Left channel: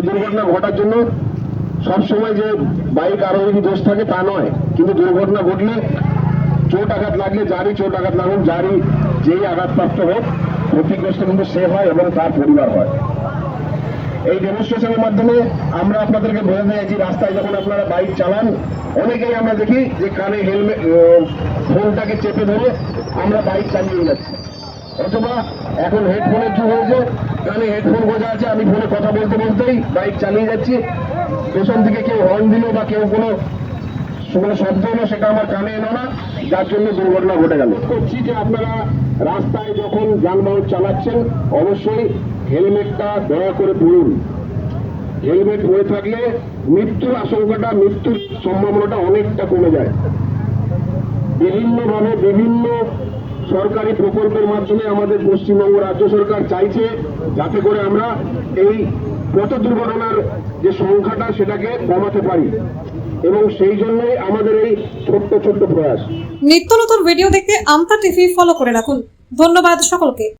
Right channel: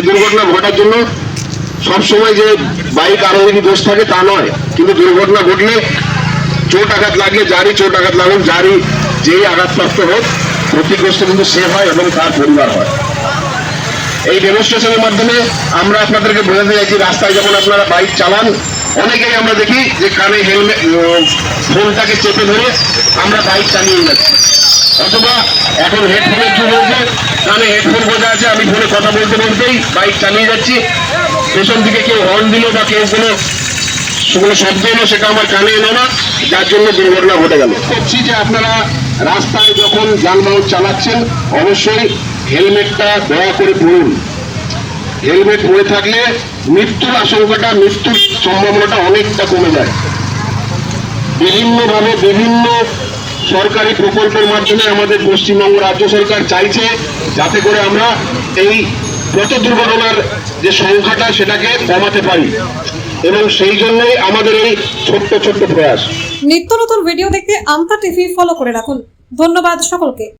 যে দুর্ঘটনা ঘটার জন্য সবসময় যে বাইক আরোহী দোষ থাকে তা নয়, কিন্তু দুর্ঘটনা ঘটলে চোট আঘাত লাগলে যারই চোট আঘাত লাগুক, যারই যেই আঘাতপ্রাপ্ত হোক, ক্ষতিগ্রস্ত কিন্তু সে হয় এবং তার পরিবার হয়। এই ডেমনস্ট্রেশনের মাধ্যমে আমরা আপনাদেরকে বোঝাতে চাইছি, রাস্তায় যখন আপনারা বাইক চালান অনেকেই আমরা দেখি যে কানে হেলমেট ফোনটাকে চেপে ধরে আমরা বাইক চালিয়ে যাচ্ছি, অথবা এখন হেডফোনের যুগ হয়েছে, কানে হেডফোন বোঝা আছে, আমি ফোনে কথা বলতে বলতেই বাইক চালিয়ে যাচ্ছি, পেছন দিকে কেউ হর্ন দিল বা কেউ কোনো শব্দ এলো সেটা আমার কানে এলো না, যার জন্য দুর্ঘটনা ঘটে গেল। করছি যে আপনারা রাস্তায় যখন যানবাহন চালাচ্ছেন অবশ্যই হেলমেটটা দয়া করে পরুন। হেলমেট পরে থাকলে মৃত্যুর আশঙ্কাটা, মৃত্যুর সম্ভাবনাটা অনেকটা কমে যায়। বিভিন্নভাবে বিভিন্ন সরকারি প্রকল্পের মাধ্যমে আমাদের পশ্চিমবঙ্গ রাজ্য সরকার চাইছে যাতে করে আমরা এই পথ দুর্ঘটনার যে সংখ্যাটা সেটাকে কমাতে পারি, এবং সেই জন্যই আমাদের এই ছোট্ট ছোট্ট প্রয়াস। নিত্য নতুন ভিডিও দেখতে আমতা টিভি ফলো করে রাখুন। ধন্যবাদ সকলকে।